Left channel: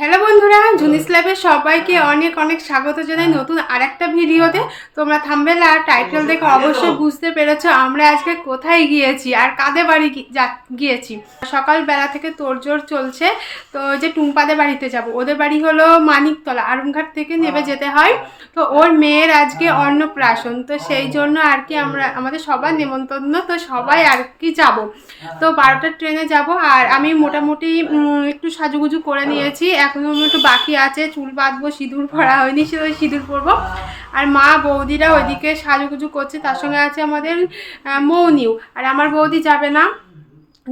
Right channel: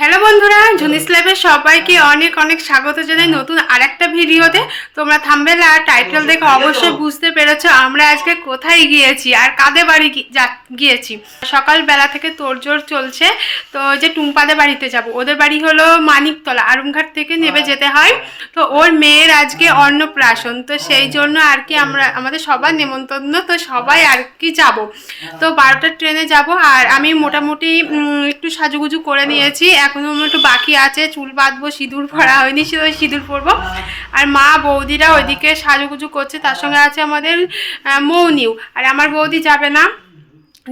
Hello বন্ধুরা ঝুনিস ল্যাবের সবাইকে অনেক অনেক স্বাগত জানাই নতুন আর একটা ভিডিওতে। তোমরা থাম্বেল আর টাইটেল দেখে অবশ্যই বুঝতে পেরেছ আমরা আজকে কোথায় গিয়েছি আর কাদের বাড়ি গিয়েছি। সকালবেলা থেকে তোড়জোড় চলছে তো ওই যে টুম্পাদের বাড়িতে যাব। ওদের বাড়ি হলো মানিকতলা আরুমঘাট থেকে নেমে যেতে হয়। তো ওর মেয়ের আজকে অন্নপ্রাশন তো সেই জন্য আর কি আমরা আমাদের সবার নেমন্তন্ন তো সবাই আর কি যাব। তো বারোটার ট্রেনে যাব আর আমি মোটামুটি একটু সাজুগুজু করে নিয়েছি। এখনও একটু বাকি আছে, চুল বাঁধবো, সিঁদুর ভরা হয়নি, সে সিঁদুর পরবো। আর মা বৌদিরা ওইদিকে সাজুগুজু করছে, তার সঙ্গে আছে আমাদের মৌনিও। আর আমার বৌদি যাবে না,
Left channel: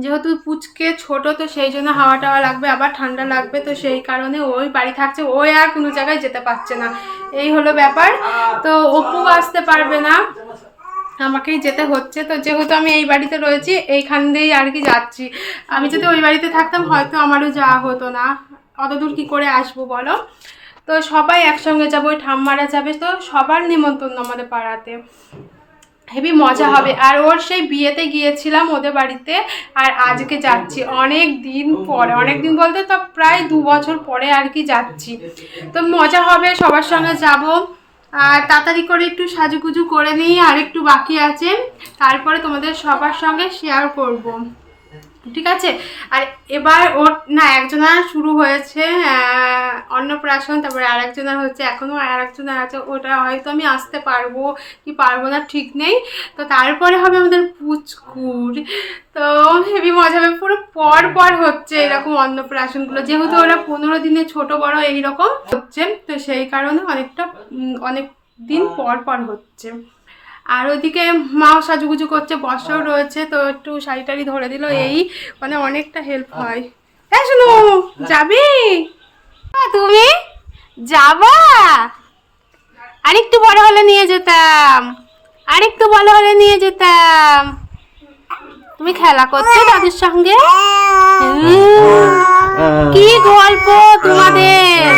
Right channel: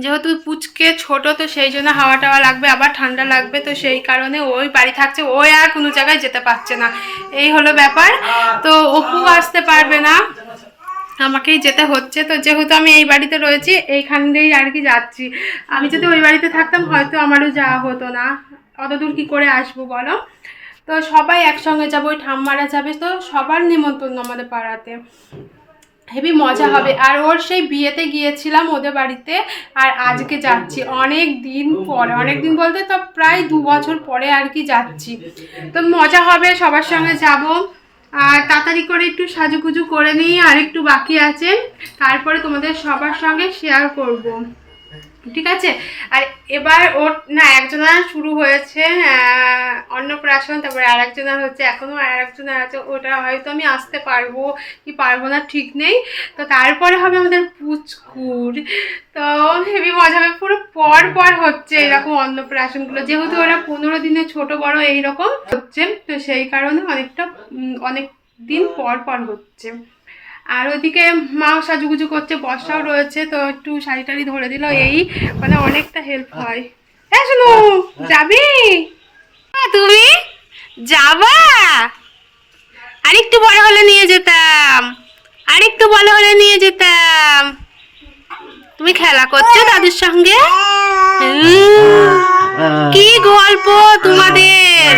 যেহেতু পুচকে ছোট, তো সেই জন্য হাওয়া টাওয়া লাগবে, আবার ঠান্ডা লাগবে, তো সেই কারণে ওই বাড়ি থাকছে ওই আর কোনো জায়গায় যেতে পারছে না। এই হলো ব্যাপার। তো অপু আসতে পারবে না, আমাকেই যেতে হচ্ছে। তো যেহেতু আমি এই বাড়িতে রয়েছি, এইখান দিয়েই আর কি যাচ্ছি। আমি যদি ওই বাড়িতে থাকতাম, হয়তো আমারও যাওয়া হতো না। অত দূর কী করে আসব বলো? তো সবাই একসঙ্গে যাব, ওই ঠাম্মারা যাবে, তো সবার নিমন্ত্রণ আমাদের পাড়াতে। হেবি মজা হবে। আর ওর সেই বিয়েতে গিয়েছিলাম ওদের বাড়িতে, আর আজকে যাচ্ছি। অনেক দিন পরে, অনেক দিন বলতে তো প্রায় দু বছর পরে আর কি যাচ্ছি। তো মজা হবে, সবার সঙ্গে যাব। আর তাড়াতাড়ি করে একটু সাজুগুজু করে নিই, আর একটু বাকি আছে। তারপরে তোমাদের সবার সঙ্গে শেয়ার করব। ঠিক আছে? আর এবার ওর, না, একজনের শুরু হয়েছে অন্নপ্রাশন, তারপরে আর একজনের হচ্ছে এখনও আর একজনের আছে, ওটা হয়তো আমি আসতে পারব কি পারব না ঠিক নেই। তো তারপরে হবে আমাদের পুচকুর। তো হেভি মজা হবে, পুরো পর পর হচ্ছে এরকম অন্নপ্রাশনগুলো। যেহেতু ওরা পনেরো দিনে ছোট বড় এইরকম হচ্ছে, তো সেই কারণে অনেকটা অনেক দিন পর পর হচ্ছে। আর ওদিকে মাও সাজুগুজু করছে, বর্ষাও রয়েছে, তো একটু শাড়ি টাড়ি ধরে দিল এই মানে অনেকটা হেল্প হয়। হ্যাঁ শুনো, যাবি? তুমি? যাবা? আর একটু বড় হলে নিয়ে যেতাম। আরেকটু বড় হলে নিয়ে যেতাম। তুমি খেলা করছ দাদুর সঙ্গে? কি গল্প তোমাদের?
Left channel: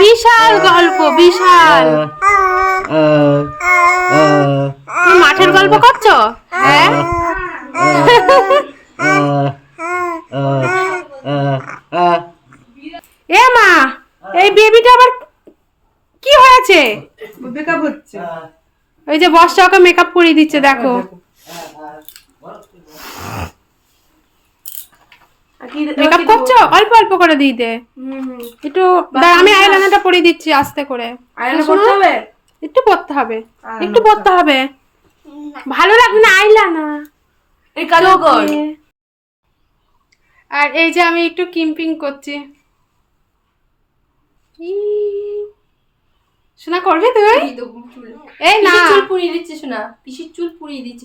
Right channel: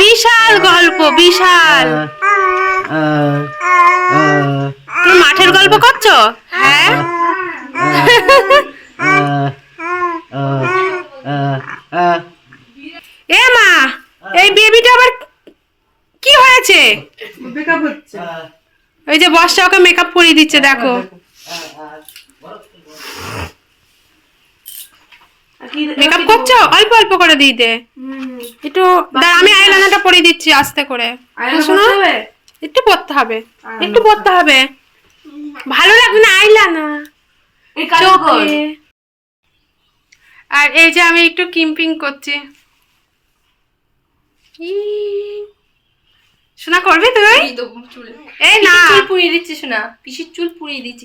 বিশাল গল্প বিশাল। তুমি মাঠের গল্প করছ? হ্যাঁ? এ মা এই বেবিটা আবার কি হয়েছে? মেকআপ হচ্ছে। ওই যে বর্ষা ওকে মেকআপ করিয়ে দিচ্ছে দেখো। মেকআপ করছ? অল্প অল্প করে দিতে একটু দাঁড়া, আমি আইলাইনারটা পরিয়ে দিচ্ছি আস্তে করে। শোনো একটু পড়তে হবে। একটু পড়তে হবে। ভালো লাগবে না আইলানা আর এই যে আমি একটু কিম্পিং করছি। শোনা করবি তুই? এই না। চুল পুড়িয়ে দিচ্ছিস না পিসির চুল পুড়িয়ে দিচ্ছি।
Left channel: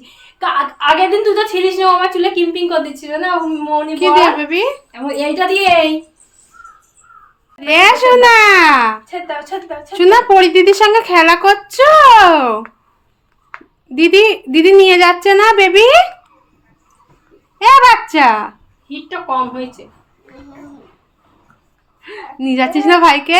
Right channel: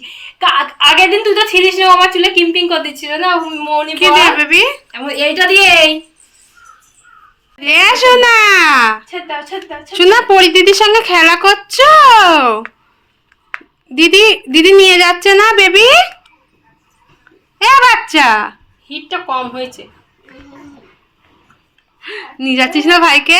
আগের দিন তুই তো ছিলিস না আমার চুলে কিম্পিং করে দিচ্ছিল না মৌনি কি দিয়ে বেবি? এইটা দিয়ে এই। এ শোনা শোনা পরি দিদির সঙ্গে খেলা করছ? দিদি দিদি নিয়ে যাচ্ছে না বেবি? এ বাচ্চা। হিটটা কম হয়েছে। নিয়ে যাচ্ছিস না ভাইকে?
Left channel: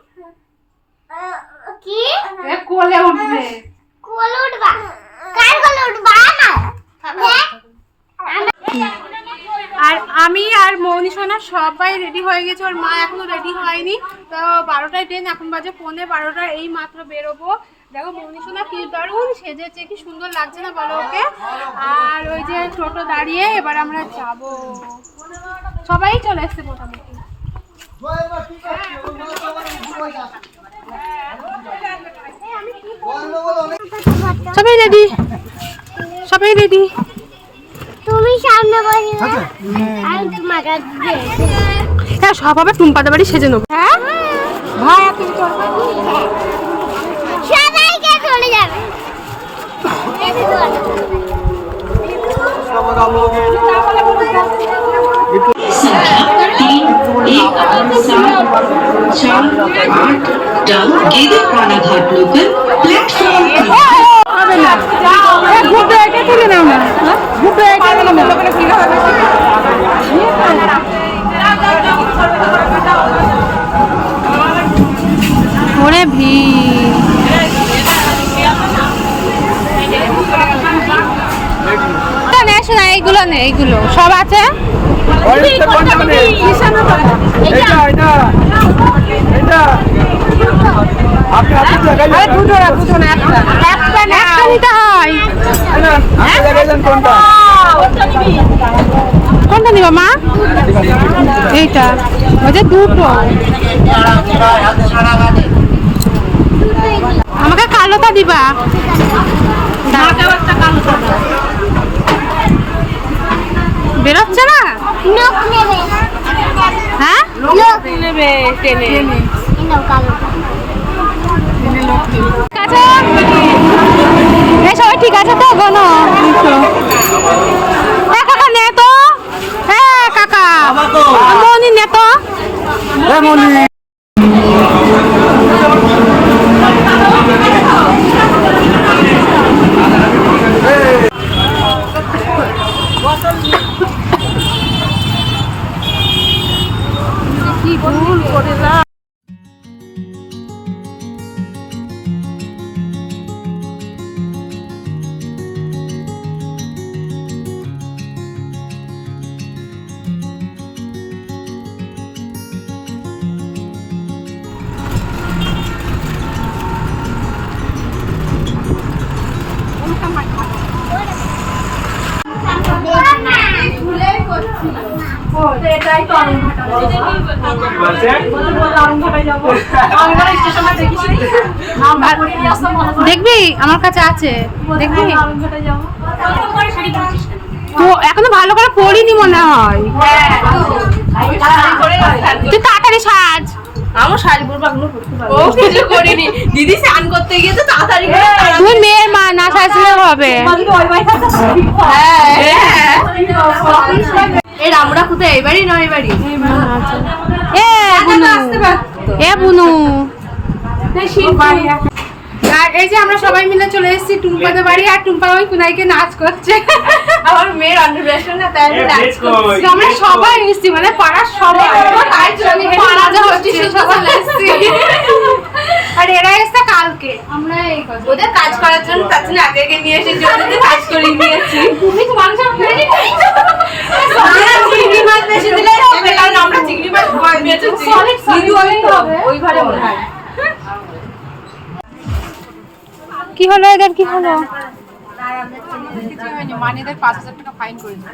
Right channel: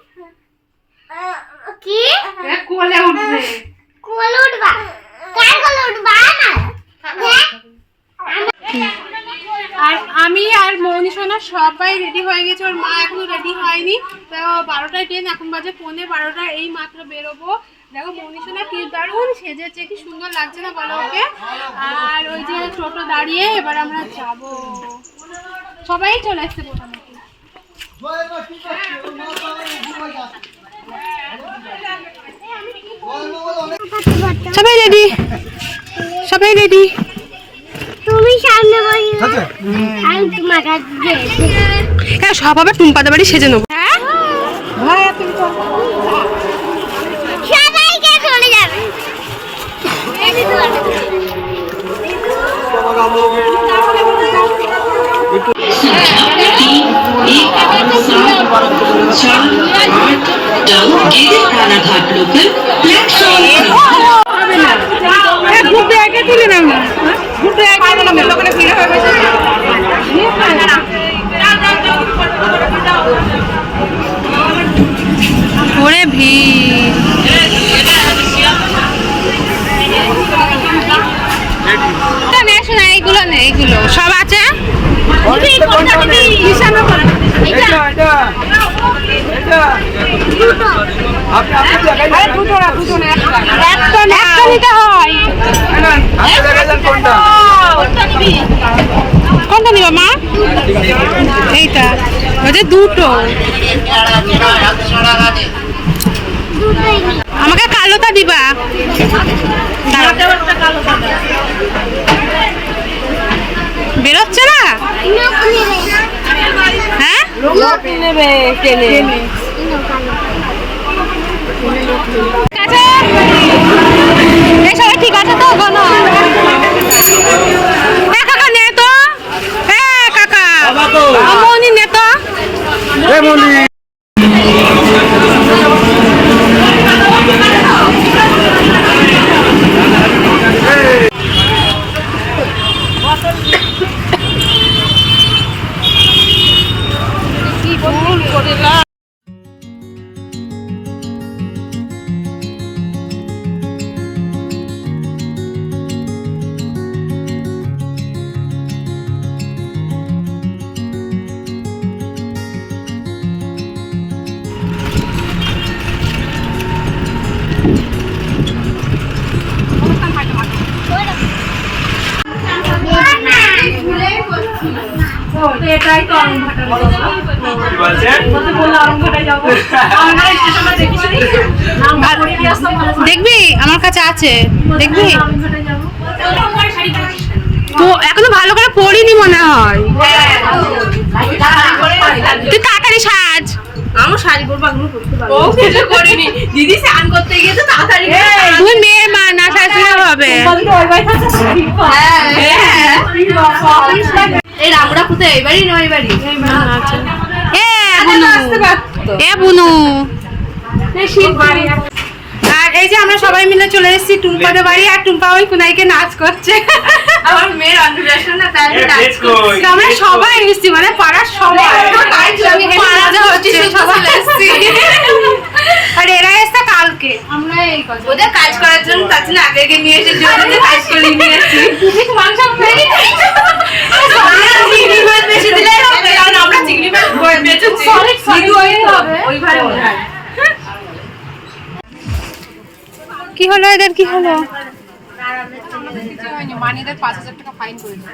এ কোলে উঠবে। আর আমি আর মৌনি সোনা সবাই রেডি হয়ে গেছে। ওর মা এখনও রেডি হয়নি। তো বারোটায় ট্রেন এখন বাজে পৌনে বারোটা। এই মাত্র বেরোবো। দেখো মৌনি সোনা কি দারুণ সেজেছে কি সুন্দর লাগছে না বলো ওকে? আর ওই যে টোটো দাঁড়িয়ে এবার আমরা যাব। সবাই চলে এসছে মোটামুটি। সবাই রেডি সবাই রেডি তুমি সামনে বসে আমি তোমার কাছে হ্যাঁ সব আবার টুম্পাদের বাড়ি সেজে নেব। হ্যাঁ। ভাই তুমি। ঘাটলোকের প্ল্যাটফর্ম ঘুরতে এইগুলো নেই এইগুলো সব আছে? একটা নিতে হয়। কোনটা। নিবা মা? এইটা। বলছে দুটো। আমাকে কালোটা দিবা। বেরোচ্ছে না? নোক নেবে হ্যাঁ? নোক নেবে কেনে নাও কালো আছে এই সবাই ঠিক আছে তো গোনো কাকা। নে তো এ কাকা মনি নে তো দেখবি? আমার কাছে আছে। দেখবি? শাড়ি? তো এখনও ভালো করে পড়িনি মনে হয়। তুই তাড়াতাড়ি সাজ। ও কিছু করিনি। দিদি স্নান করতে গিয়ে তো তাড়াতাড়ি মেয়ের মা না সাজলে হবে। এই রামুরা কোথায়? এবারই নয় এবারই এ বুনু। এ বুনু। আর এই যে আমরা সবাই মিলে চলে এসেছি টুম্পাদের বাড়ি আর টুম্পা ওই কুনাইকে নাচ করছে। আমার মেয়ের অন্নপ্রাশন না তাই নাচ তো আমরা সবাই এসেছি মানে পাড়ার সবাই। আর এরা এসছে কালকে। আমরা এই কথা। ওদের কাজ করার জন্য তার জন্য আগে আগে নিয়ে এসে জন্য কাজ করে নিয়ে এসেছি। তুমি তো মাংস কি হলো এদের? কি হলো?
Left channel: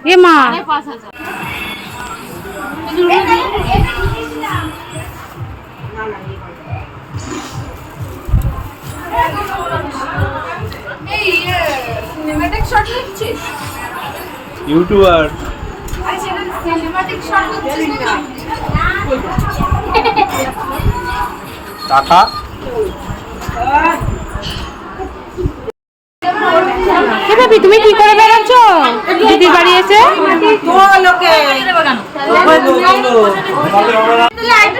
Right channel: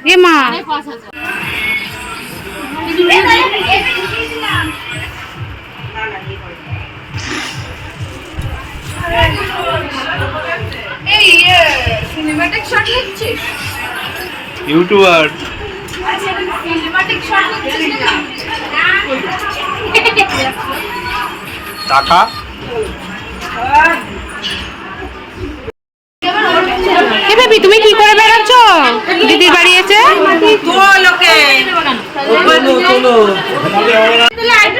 এ মা। ইউটিউবার। টাকা বেবি তুমি কি করে বেড়াচ্ছ? দিদির বাড়ি এসে?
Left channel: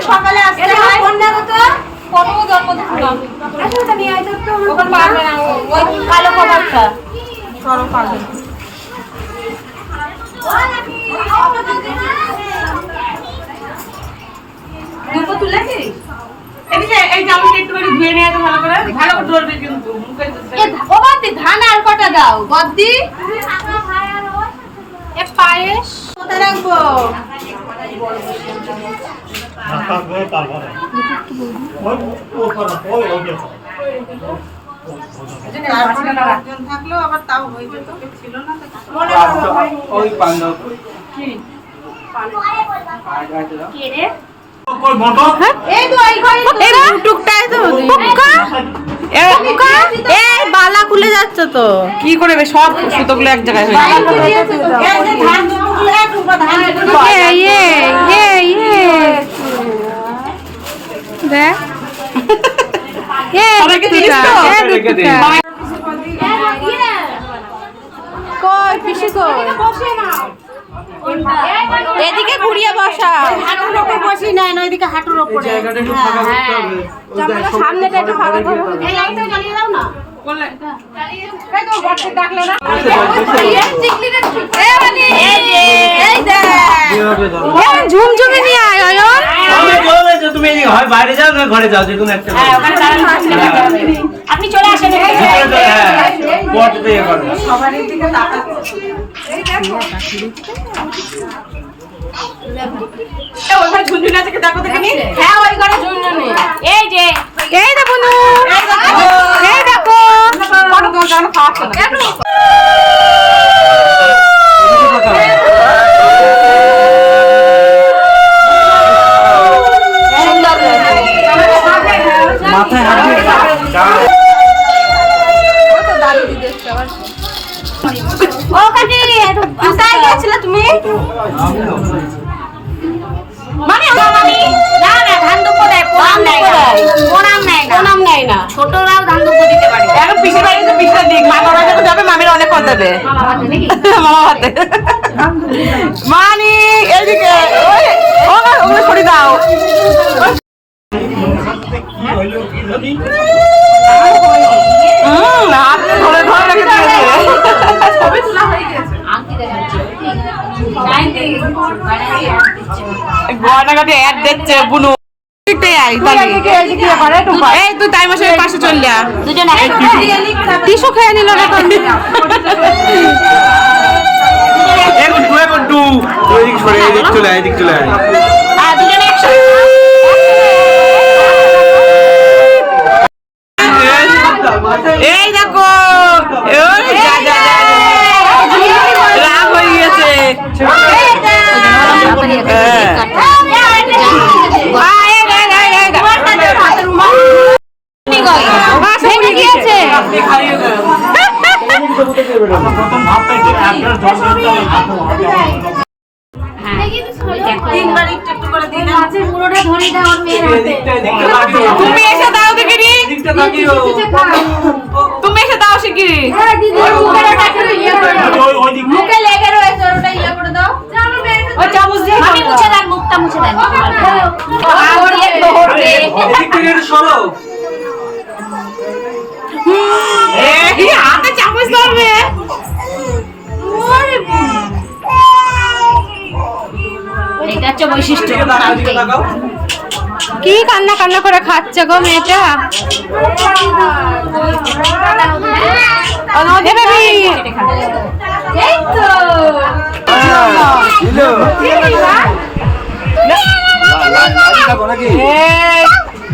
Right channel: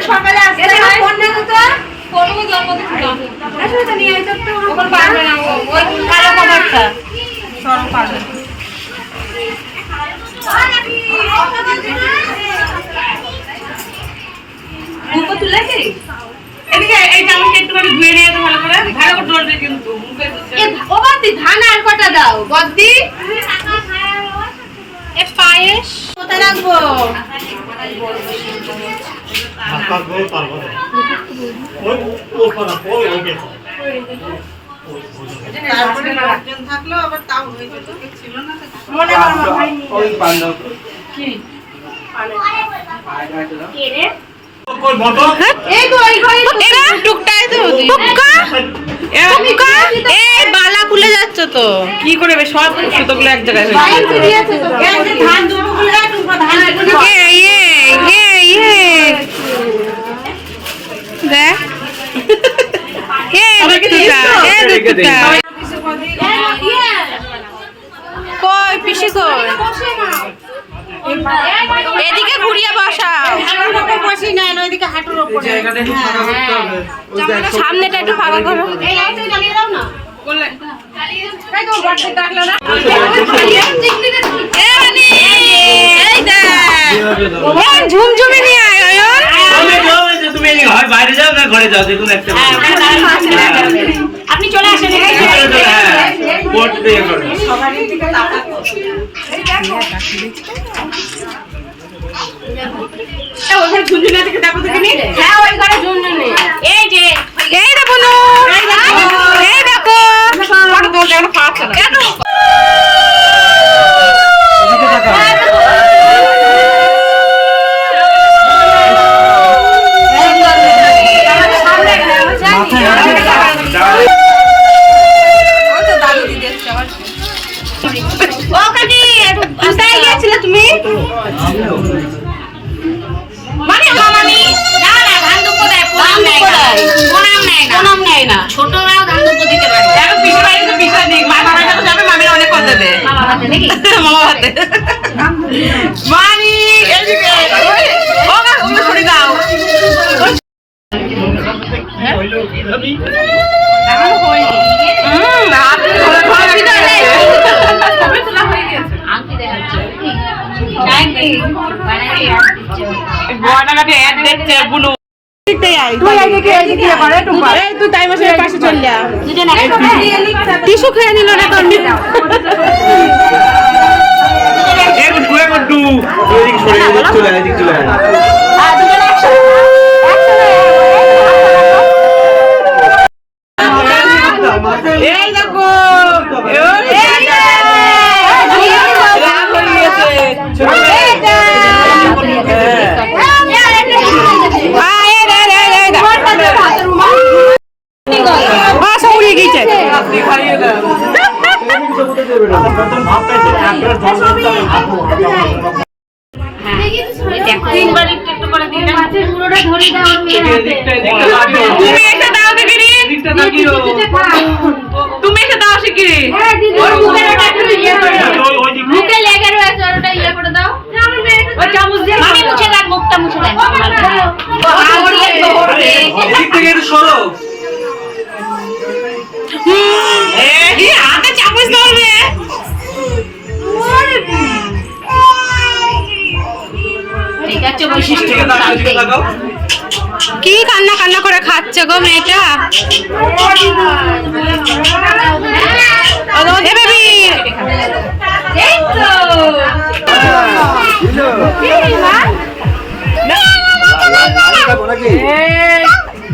সকালে হয় না এদিকে এই ধুয়ে নিয়ে তো ভালো করে। ভালো করে ডলবে কিন্তু ও বাদি ধান আর কটা দাও? বদ্দি? এ পায়েস। কোথায় রাখব? ওই পাঞ্জাব এই তো ওই ঘরে এরা টুকটাই তো টুকা টুকা এ বালা খুলে যাচ্ছে তো কি করে সব সুতোগুলো এক জায়গায় হয়ে ইয়ে ইয়ে দেখ কই পিসি কই এদিকে ঘুরিয়ে বসাও। এই জায়গাটা একটু ফাঁকা করতে হবে ওই দেখ, সব- সামনেটা একটু ফাঁকা করো ধরো। ঝুমঝুমে নিয়ে আয় অয়ন। তুমি হয় বাইরে যাও না ঘরে যাও যে কোনো একটা আপনি চলে আসেন। হ্যাঁ হ্যাঁ এই দেখো মামা হাতে মানি এদিকে। ও ও ছড়ি দাও। তোলা হয়ে মানে গয়নাঘাটে এক দেখছে বুনু যা খেয়ে নিল না তোর তিনবার একটু একটু করে দিন মাছের মুড়োটা ধরে দাও ওর মেয়ের হাতে। এদিকটা, এদিকটা তাকিও। তুমি এসে দাও দেখিনি এদিকটা তুমি এসে দাও শিগগিরি হ্যাঁ দিদি ওর মুখের ওটা একটু ইয়ে করে দাও। মুখে লেগে রয়েছে ওর ওটা ইয়ে করে দাও। ওই চামচ দিয়ে মামি মুছে দেন মুখটা মুছে দেন। ও হাত দিয়ে ধরবে থেকে একটু সরো। এই হাতে কান্না কান্না করে খাচ্ছে গো মেয়েটা। এ বেবি। এই তো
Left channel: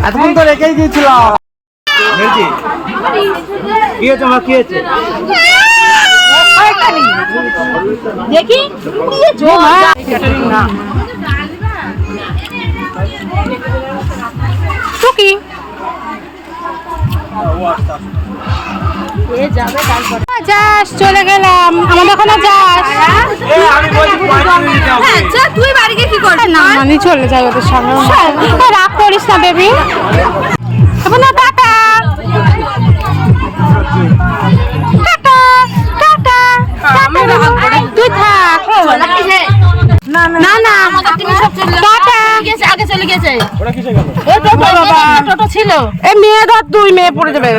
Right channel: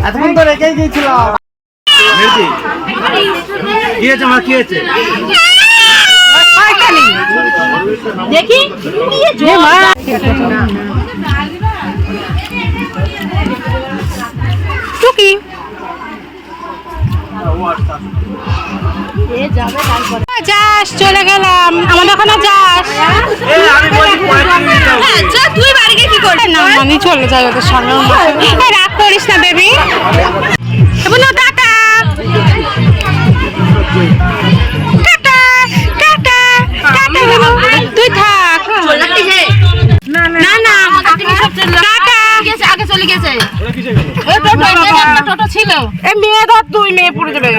এতক্ষণ তো রেখেই দিয়েছিলাম। কি হয়েছে আমার কি হয়েছে? দেখি। যাস চলে গেলাম। আমাদের ওখানে যাস। আমি তুই বাড়ি কি করছিস না আমি চলে যাই ওদের সঙ্গে। রাগ করিস না বেবি। বলো টাটা। Tata tata tata. তুই থাক। না না টাটা। আগে চলে গেছে। ছিল এই মেয়ে ধর তুই মেয়ে পড়ে যাবে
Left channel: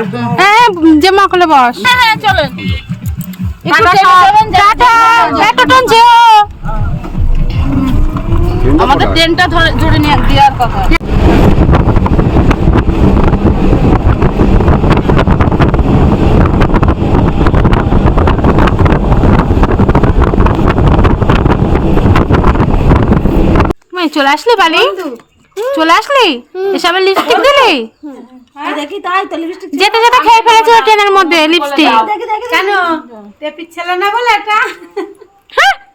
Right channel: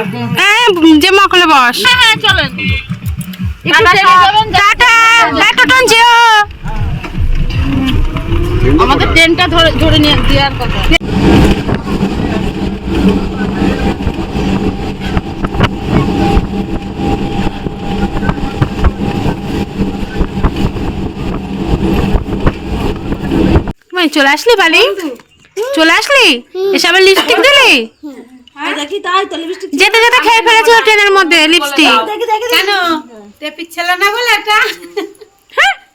এই, যে মকলে বস। হ্যাঁ চলেন। টোটন যেও আমাদের ট্রেনটা ধরে ধরে নিয়ে দেওয়ার কথা। চলে আসলি বালি? চলে আসলি? এসবে লিপস্টিক দিলি? দেখি তাই তো লিপস্টিক যেতে যেতে খেয়ে ফেলেছিল ট্রেনের মধ্যে লিপস্টিক কেন? টেপির ছেলে না বলে এটা?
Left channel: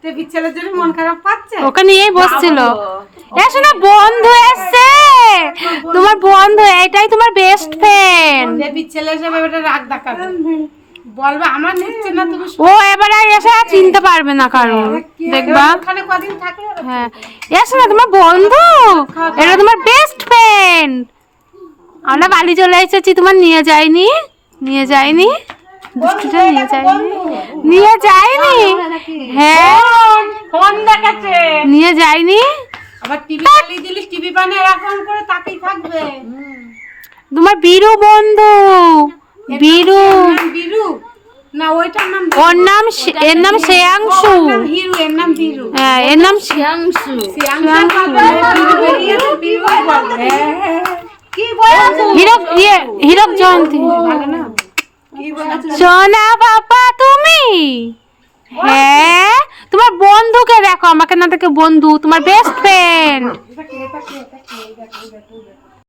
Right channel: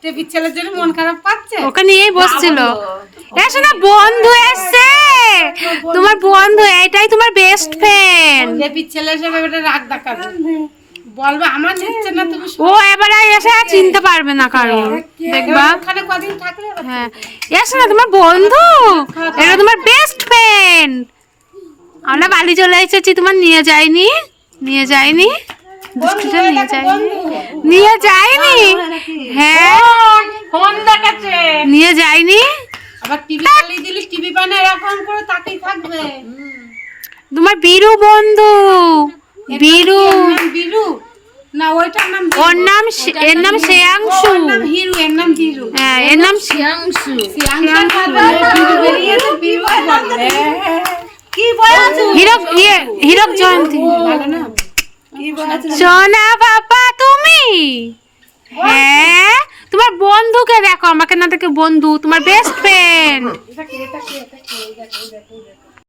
টেপির ছেলের জন্য মন খারাপ পাচ্ছে? ওকে নিয়েই বসছিল। এসো না বন্ধু এসছে! তোমার বন্ধু এটাই তোমার বেস্ট ফ্রেন্ড টেপির ছেলে হিসেবে এটা রাগ দেখাবে। বলবে আমার নিচ্ছে না তুমি ও এবারে এসে চিনতে পারবে না কারও। দেখবা? ওখানে কদিন থাকলে হ্যাঁ। এসো না তোমার বন্ধু? এটা তোমার বেস্ট ফ্রেন্ড আমরা বালি চলে এসেছি তোমার নিয়ে যাইনি নিয়ে যাইনি দুষ্টুটা নিয়ে যায়নি? নিয়ে যায়নি? হ্যাঁ ফোন দেখাচ্ছে নিয়ে যায়নি? আবার টিভি চালিয়ে দিলি টিভি পানে এরকম করে তাকিয়ে থাকবে। তোমার বীরু বন্ধু। বীরু। বিরু? না ওইটার নাম ওর নাম শে- এর নাম শ্রেয়াংশু। ওর নাম হিরু এর নাম বিরু। হ্যাঁ এর নাম বলছো? হীরক ইয়ে হীরক জয়ন্তী। সোনা বাবা তুমি? হ্যাঁ। তোমার বন্ধুকে দেখো আমাকে না দেখে বন্ধু তোমার বেস্ট ফ্রেন্ড